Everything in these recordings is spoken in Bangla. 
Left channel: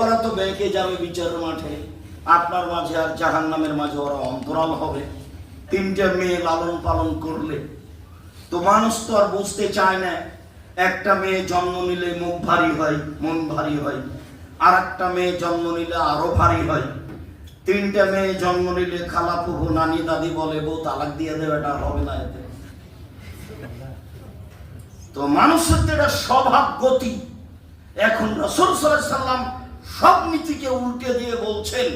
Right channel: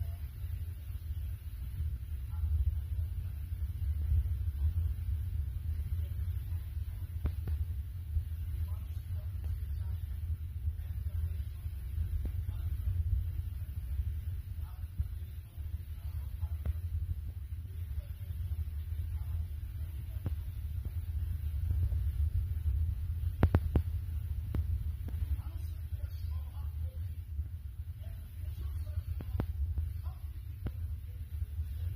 ওরা তো বেঁকে যাবে বিচারের মাঠে, আপনার মাঝে আর জাহান্নামের মাঝে ওরা অন্তরাল হবে। তিনটে মেয়ে লালন পালন করলে তো মানুষ তো আর বুঝতে চায় না। একটা মেয়ে জন্ম নিলে মুখ ভারী হয়, মন ভারী হয়, আর একটা মেয়ে জন্ম নিলে আরো ভারী হয়। তিনটা মেয়ে জন্ম নিলে খালা ফুফু নানি দাদি বলে বউ তালাক দিয়ে দেবে, এটা হবে না এতে। তো মানুষের তো এটা স্বভাব গতি। এখন রাসূল সাল্লাল্লাহু আলাইহি সাল্লাম সব নীতিকে উল্টে দিয়ে বলছেন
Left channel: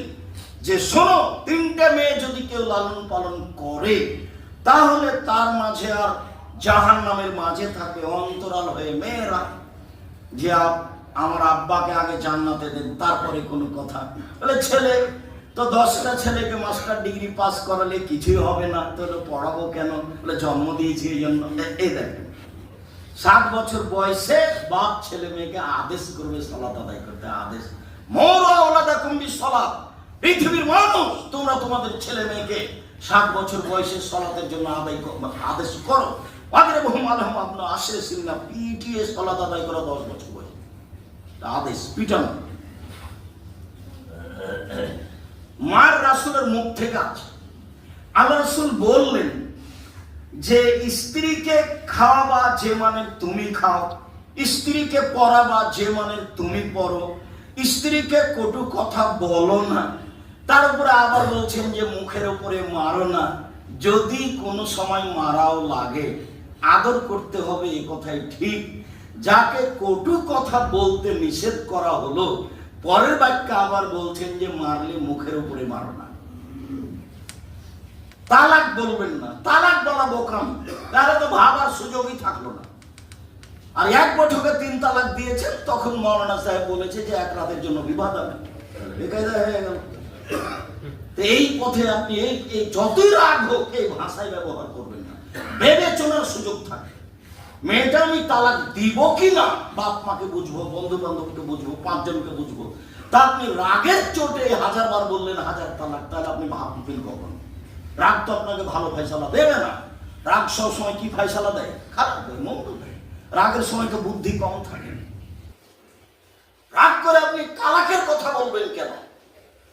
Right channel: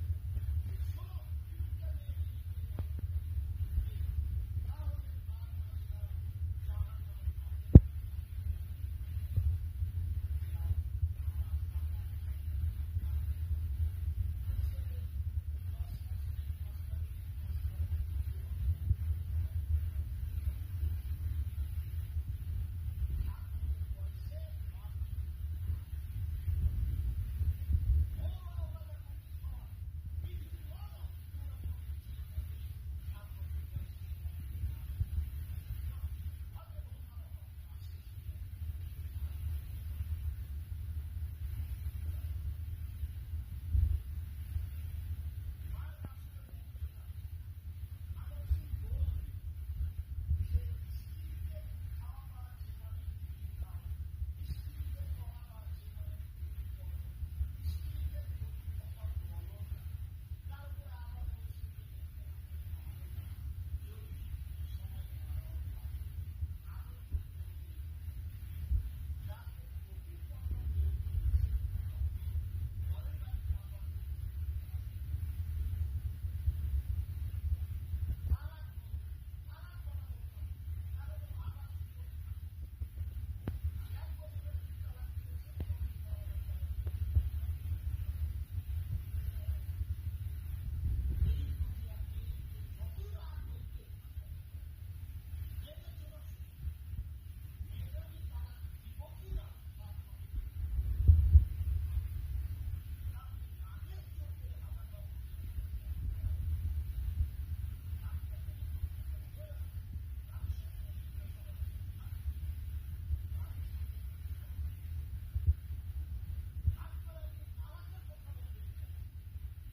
যে শোনো, তিনটা মেয়ে যদি কেউ লালন পালন করে তাহলে তার মাঝে আর জাহান্নামের মাঝে থাকে অন্তরাল হয়ে মেয়েরা, যে আমার আব্বাকে আগে জান্নাতে দেন তারপরে কোনো কথা। বলে ছেলে তো 10টা ছেলেকে মাস্টার ডিগ্রি পাস করালে কিছুই হবে না, তাহলে পড়াবো কেন? বলে জন্ম দিয়েছি এই জন্য। এই দেখেন 7 বছর বয়সে বাপ ছেলে মেয়েকে আদেশ করবে সালাত আদায় করতে। আদেশ, মুরু আওলাদাকুম বিসসালাত, পৃথিবীর মানুষ তোমরা তোমাদের ছেলে মেয়েকে 7 বছর বয়সে সালাতের জন্য আদেশ করো। ওয়াদরিবুহুম আলাইহা আবনা 10 সিনা, পিটিয়ে সালাত আদায় করা 10 বছর বয়সে আদেশ, পিটানো। মার রাসূলের মুখ থেকে আছে, আল্লাহ রাসূল বললেন যে স্ত্রীকে খাওয়াবা যে মানে তুমি খাও, স্ত্রীকে পড়াবা যে মানে তুমি পড়ো, স্ত্রীকে কটু কথা বলো না। তার উপরে আবার বলছেন যে মুখের উপরে মারো না, যদি কোনো সময় মারাও লাগে আদর করতে হবে, এই কথাই ঠিক। যাকে কটু কথা বলতে নিষেধ করা হলো, পরের বাক্যে আবার বলছেন যে মারলে মুখের উপরে মারো না, তালাক বলবেন না। তালাক বলা বোকাম, তাহলে তো ভাবার সুযোগই থাকলো না। আর এক বৈঠকে 3 তালাক দিয়েছেন, তখন মৌলানা সাহেব বলেছে যে 1 রাতের জন্য বিবাদ হবে, বেকায়দা হয়ে গেল। এই পথে আপনি এই যতই রাগ হোক এই ভাষায় ব্যবহার করবেন না, ভেবে চলার সুযোগ থাকে। মেয়েটা আমি তালাক দিব কি না, বাপ মাকে বুঝবো, বন্ধু বান্ধবকে বুঝবো, 5 জনকে বুঝবো, তা আপনি রাগের চোটে 1000 বার বললেন 1000 তালাক, তাহলে আপনি ভাববেন কখন? রাগ তো আপনাকে ভালো ফয়সালা দেবে না। রাগ সব সময় কি ফয়সালা দেয়? খারাপ দেয়, মন্দ দেয়। রাগের সময় তো বুদ্ধি কম থাকে। রাগ করে আপনি তালাকের কথা বলবেন কেন?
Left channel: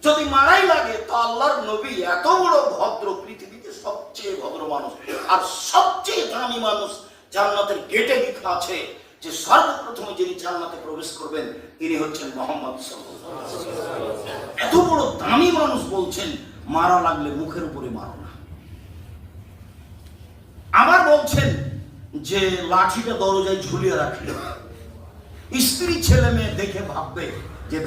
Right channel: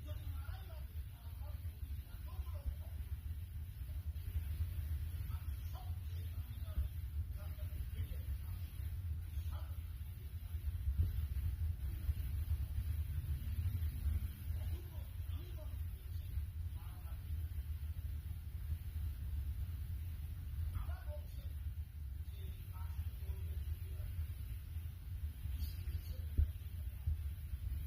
যদি মারাই লাগে তো আল্লাহর নবী এত বড় ভদ্র, পৃথিবীতে সবচেয়ে ভদ্র মানুষ আর সবচেয়ে দামি মানুষ, জান্নাতের গেটে লেখা আছে যে সর্বপ্রথমে যিনি জান্নাতে প্রবেশ করবেন তিনি হচ্ছেন মুহাম্মদ সাল্লাল্লাহু আলাইহি ওয়াসাল্লাম। এত বড় দামি মানুষ বলছেন মারা লাগলে মুখের উপরে মারো না। আবার বলছেন যে লাঠিটা দরজায় ঝুলিয়ে রাখলে স্ত্রী ছেলে মেয়ে দেখে ভাববে যে